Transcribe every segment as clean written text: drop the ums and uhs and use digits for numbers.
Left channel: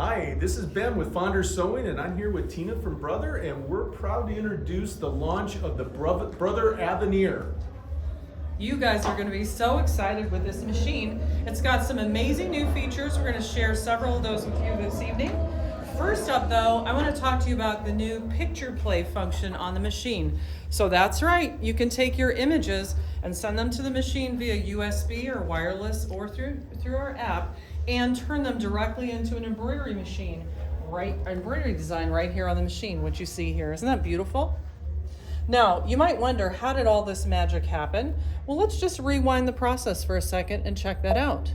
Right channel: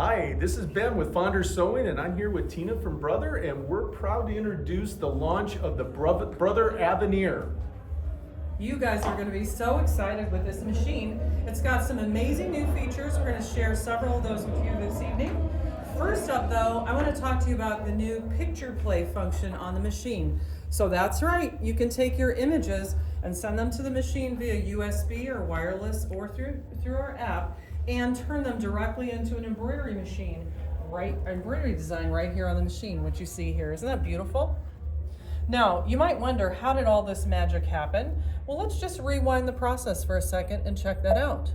Hi, this is Ben with Fonder Sewing, and I'm here with Tina from Brother, and we're proud to introduce the launch of the Brother Aveneer. You guys are going to be so excited with this machine. It's got some amazing new features. We're going to share several of those with you this evening. First up though, I want to talk to you about the new picture play function on the machine. So that's right, you can take your images and send them to the machine via USB or wireless or through our app and turn them directly into an embroidery machine, embroidery design right here on the machine, what you see here. Isn't that beautiful? Now, you might wonder, how did all this magic happen? Well, let's just rewind the process for a second and check that out.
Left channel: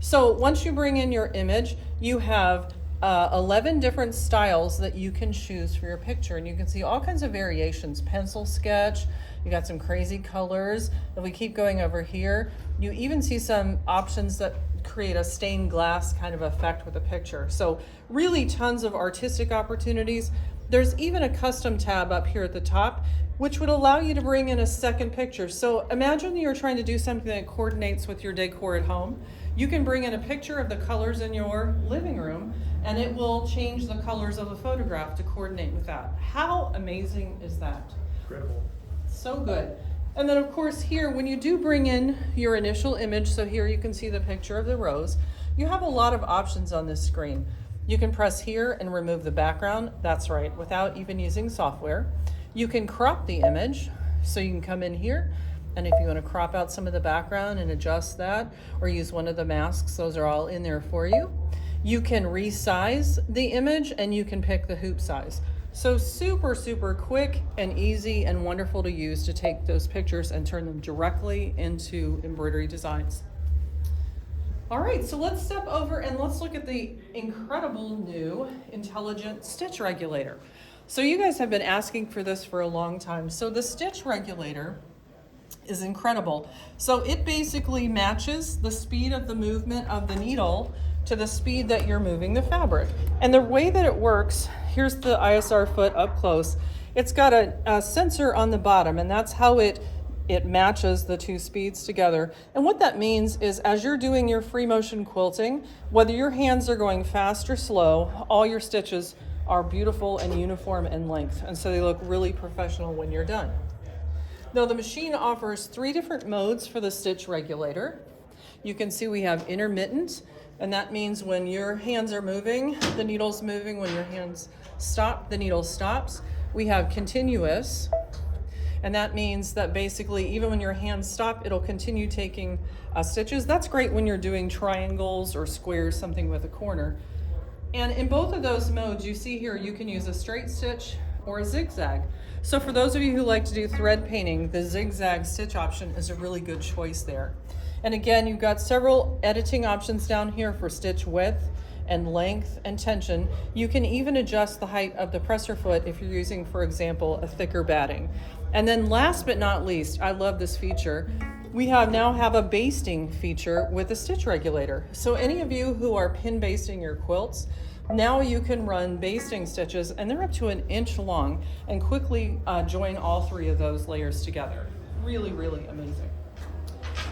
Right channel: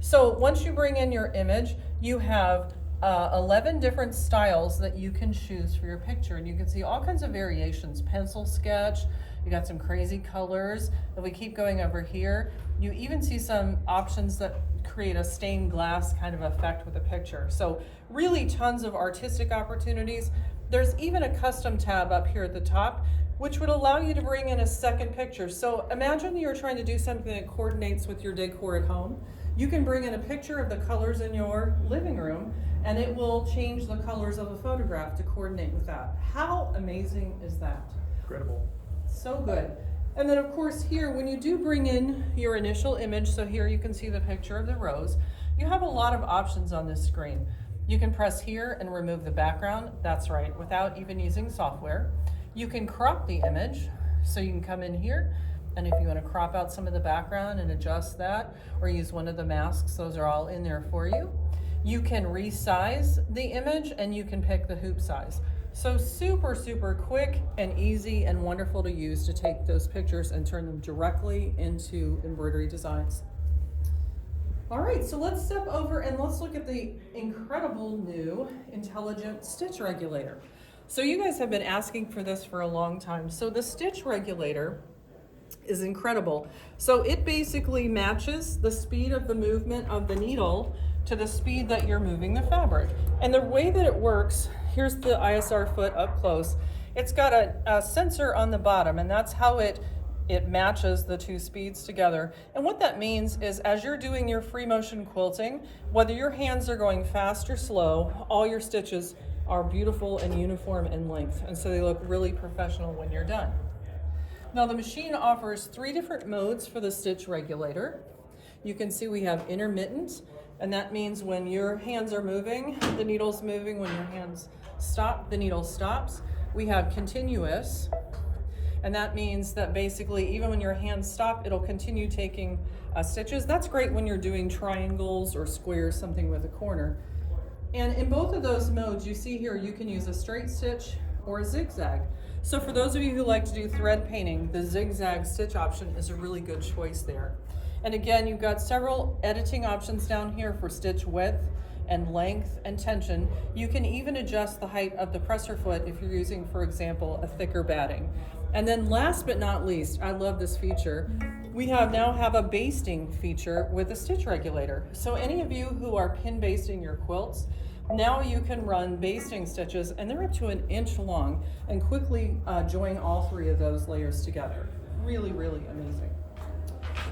So once you bring in your image, you have 11 different styles that you can choose for your picture, and you can see all kinds of variations. Pencil sketch, you got some crazy colors. If we keep going over here, you even see some options that create a stained glass kind of effect with a picture. So really tons of artistic opportunities. There's even a custom tab up here at the top, which would allow you to bring in a second picture. So imagine you're trying to do something that coordinates with your decor at home. You can bring in a picture of the colors in your living room, and it will change the colors of a photograph to coordinate with that. How amazing is that? Incredible. So good. And then of course here, when you do bring in your initial image, so here you can see the picture of the rose, you have a lot of options on this screen. You can press here and remove the background, that's right, without even using software. You can crop the image, so you can come in here, and if you want to crop out some of the background and adjust that, or use one of the masks, those are all in there for you. You can resize the image, and you can pick the hoop size. So super, super quick and easy and wonderful to use to take those pictures and turn them directly into embroidery designs. All right, so let's step over and let's look at the incredible new intelligent stitch regulator. So you guys have been asking for this for a long time. So the stitch regulator is incredible. So it basically matches the speed of the movement of the needle to the speed that you're moving the fabric. And the way that it works, here's the ISR foot up close. It's got a sensor on the bottom, and that's how it matches the two speeds together. And what that means is as you're doing your free motion quilting, whether your hands are going fast or slow, all your stitches are beautiful and uniform in length. And so they look really professional when you're done. Now the machine offers 3 different modes for the stitch regulator. You can see we have intermittent, and that means when your hands are moving, the needle's moving. When your hands stop, the needle stops. We have continuous, and that means that basically even when your hands stop, it'll continue taking stitches. That's great when you're doing triangles or squares, something with a corner. And in both of those modes, you see here, you can use a straight stitch or a zigzag. So for those of you who like to do thread painting, the zigzag stitch option is a really good choice there. And again, you've got several editing options down here for stitch width and length and tension. You can even adjust the height of the presser foot if you're using, for example, a thicker batting. And then last but not least, I love this feature, we now have a basting feature with a stitch regulator. So any of you who are pin basting your quilts, now you can run basting stitches, and they're up to 1 inch long, and quickly join all 3 of those layers together. Really, really amazing.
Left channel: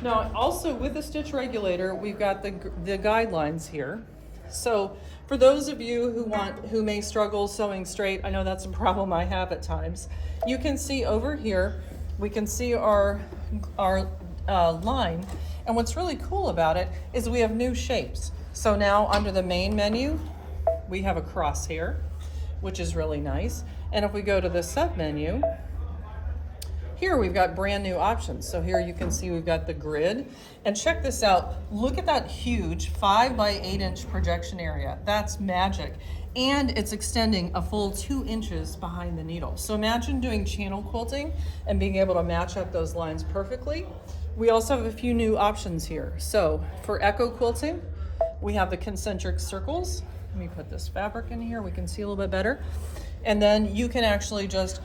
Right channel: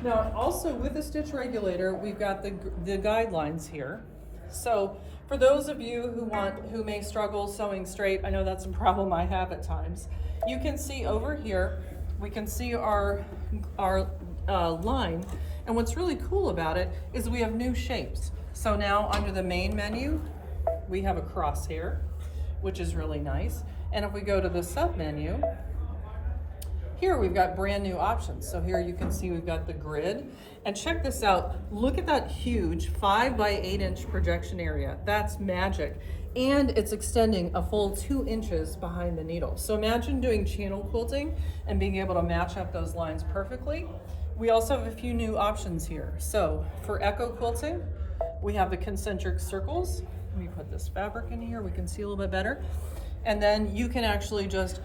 Now, also with the stitch regulator, we've got the guidelines here. So for those of you who may struggle sewing straight, I know that's a problem I have at times. You can see over here, we can see our line. And what's really cool about it is we have new shapes. So now under the main menu, we have a cross here, which is really nice. And if we go to the sub menu, here we've got brand new options. So here you can see we've got the grid, and check this out. Look at that huge 5 by 8 inch projection area. That's magic. And it's extending a full 2 inches behind the needle. So imagine doing channel quilting and being able to match up those lines perfectly. We also have a few new options here. So for echo quilting, we have the concentric circles. Let me put this fabric in here, we can see a little bit better. And then you can actually just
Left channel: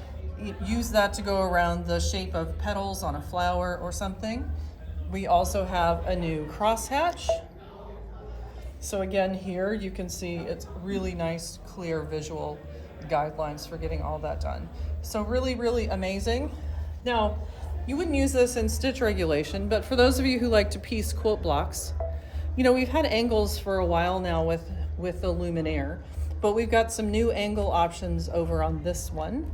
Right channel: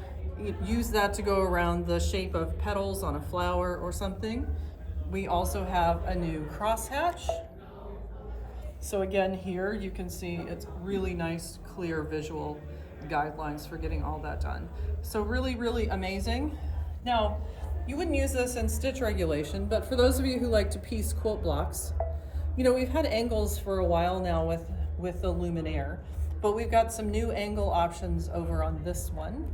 use that to go around the shape of petals on a flower or something. We also have a new crosshatch. So again, here you can see it's really nice, clear visual guidelines for getting all that done. So really, really amazing. Now, you wouldn't use this in stitch regulation, but for those of you who like to piece quilt blocks, you know, we've had angles for a while now with with the luminaire, but we've got some new angle options over on this one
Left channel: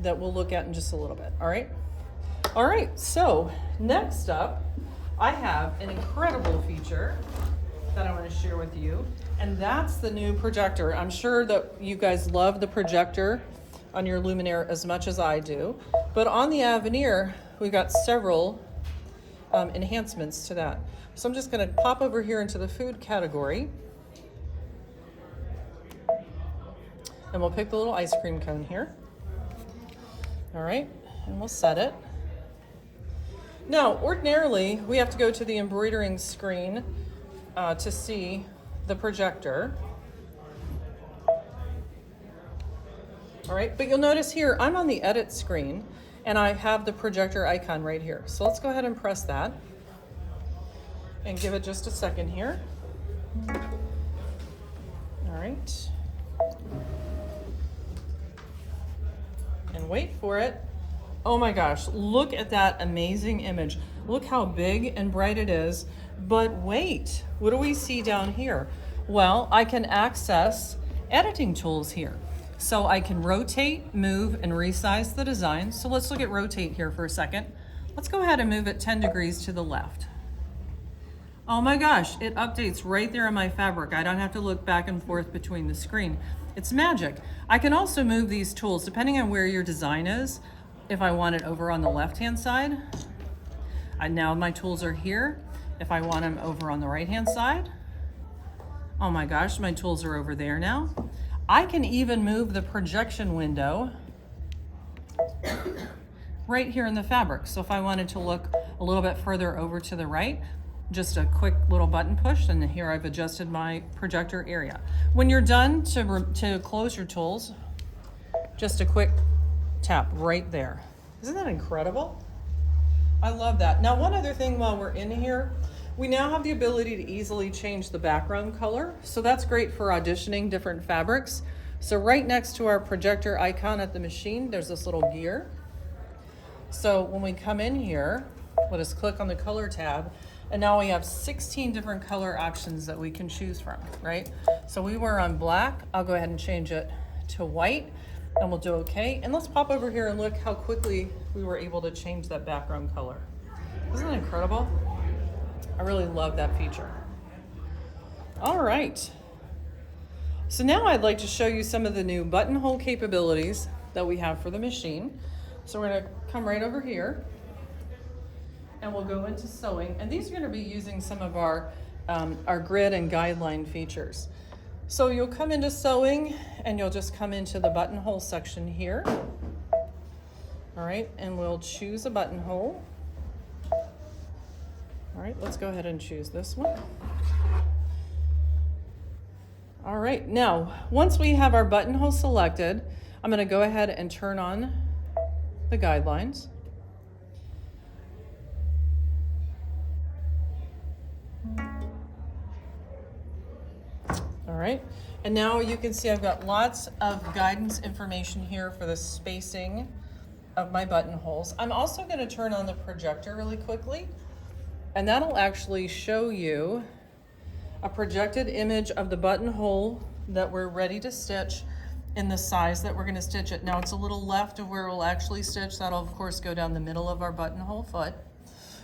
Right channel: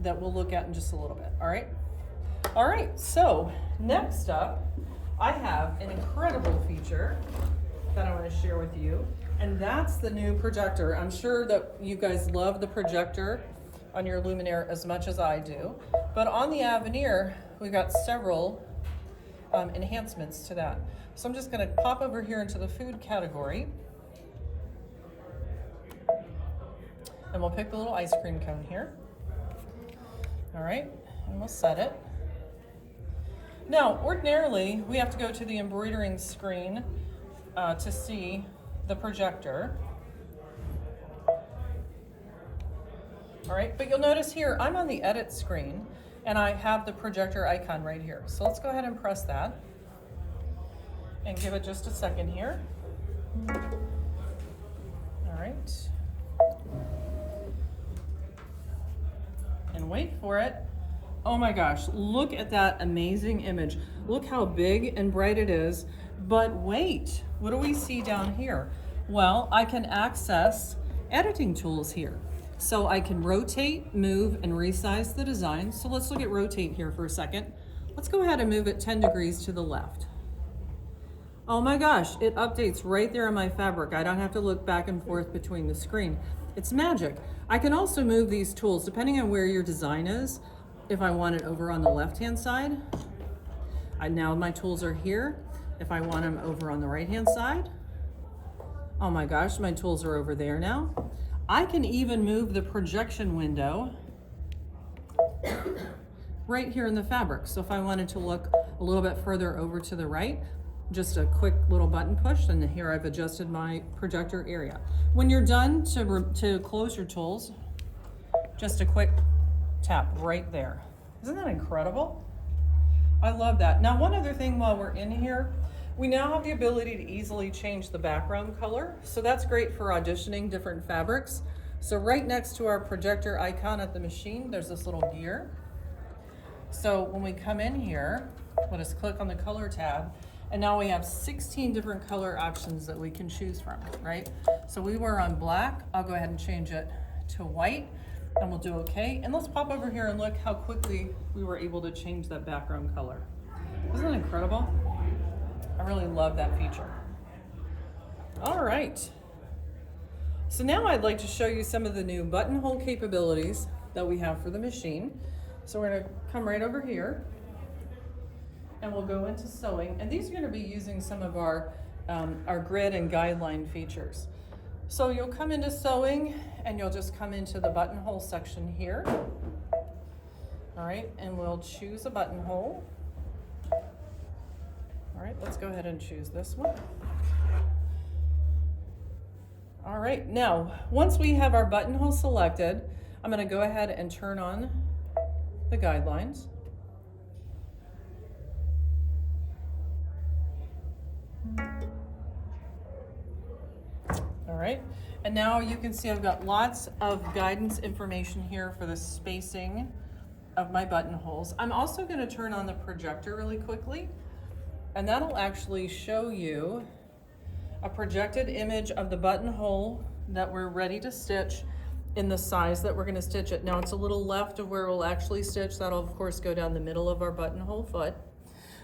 that we'll look at in just a little bit, all right? All right, so next up, I have an incredible feature that I want to share with you, and that's the new projector. I'm sure that you guys love the projector on your luminaire as much as I do, but on the Aveneer, we've got several enhancements to that. So I'm just going to pop over here into the food category, and we'll pick the little ice cream cone here. All right, and we'll set it. Now, ordinarily, we have to go to the embroidering screen to see the projector. All right, but you'll notice here, I'm on the edit screen, and I have the projector icon right here. So let's go ahead and press that, and give it just a second here. All right. And wait for it. Oh my gosh, look at that amazing image. Look how big and bright it is. But wait, what do we see down here? Well, I can access editing tools here. So I can rotate, move, and resize the design. So let's look at rotate here for a second. Let's go ahead and move it 10 degrees to the left. Oh my gosh, it updates right there on my fabric. I don't have to look back and forth between the screen. It's magic. I can also move these tools depending on where your design is. If I want it over on the left-hand side, now my tools are here. If I want them over on the right-hand side, oh my gosh, my tools are over there now. I can even move the projection window right here in the fabric. So if I wanted to look a little bit further over to the right, just a quick little button push, and here I've adjusted my projector area. When you're done to close your tools, just a quick tap right there. Isn't that incredible? I love that. Now, one other thing while we're in here, we now have the ability to easily change the background color. So that's great for auditioning different fabrics. So right next to our projector icon at the machine, there's this little gear. So when we come in here, let us click on the color tab, and now we have 16 different color options that we can choose from, right? So we were on black. I'll go ahead and change it to white, and we'll do okay. And let's pop over here and look how quickly we were able to change that background color. Isn't that incredible? I really love that feature. All right. So now I'd like to show you some of the new buttonhole capabilities that we have for the machine. So we're gonna come right over here, and we'll go into sewing. And these are gonna be using some of our grid and guideline features. So you'll come into sewing, and you'll just come into the buttonhole section here. All right, and we'll choose a buttonhole. All right, let's go ahead and choose this one. All right, now, once we have our buttonhole selected, I'm gonna go ahead and turn on the guidelines. All right, and now you can see I've got lots of guidance information here for the spacing of my buttonholes. I'm also gonna turn on the projector really quickly, and that'll actually show you a projected image of the buttonhole that we're ready to stitch in the size that we're gonna stitch it. Now it's a little left of where we'll actually stitch. That'll of course go down the middle of our buttonhole foot.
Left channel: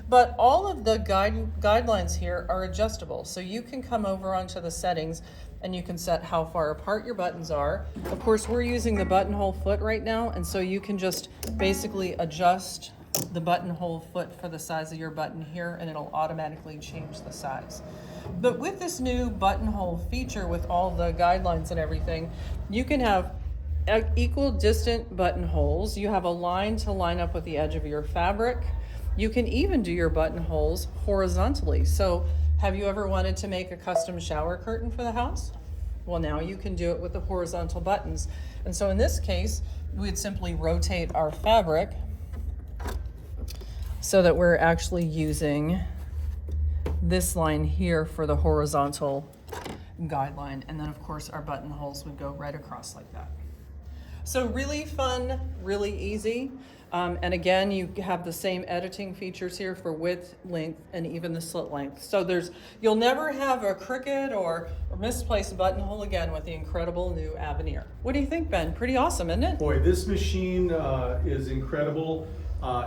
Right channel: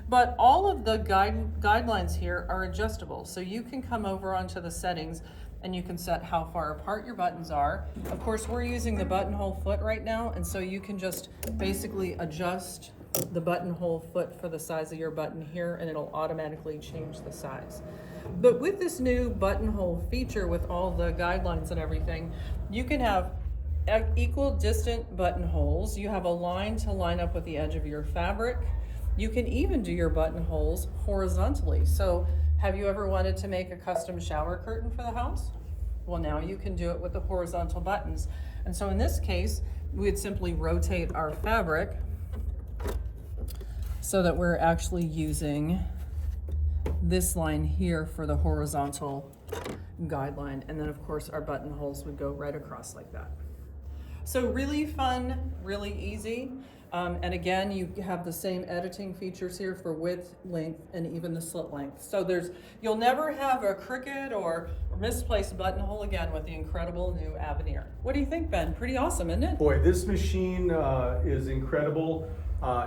But all of the guidelines here are adjustable. So you can come over onto the settings and you can set how far apart your buttons are. Of course, we're using the buttonhole foot right now, and so you can just basically adjust the buttonhole foot for the size of your button here, and it'll automatically change the size. But with this new buttonhole feature, with all the guidelines and everything, you can have equal distant buttonholes. You have a line to line up with the edge of your fabric. You can even do your buttonholes horizontally. So have you ever wanted to make a custom shower curtain for the house? Well, now you can do it with the horizontal buttons. And so in this case, we'd simply rotate our fabric so that we're actually using this line here for the horizontal guideline. And then of course our buttonholes would go right across like that. So really fun, really easy. And again, you have the same editing features here for width, length, and even the slit length. So you'll never have a crooked or misplaced buttonhole again with the incredible new Aveneer. What do you think, Ben? Pretty awesome, isn't it? Boy, this machine is incredible.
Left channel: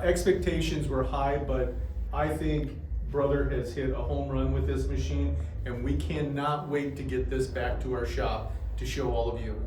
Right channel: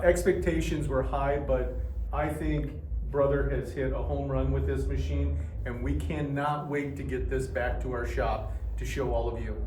Expectations were high, but I think Brother has hit a home run with this machine, and we cannot wait to get this back to our shop to show all of you.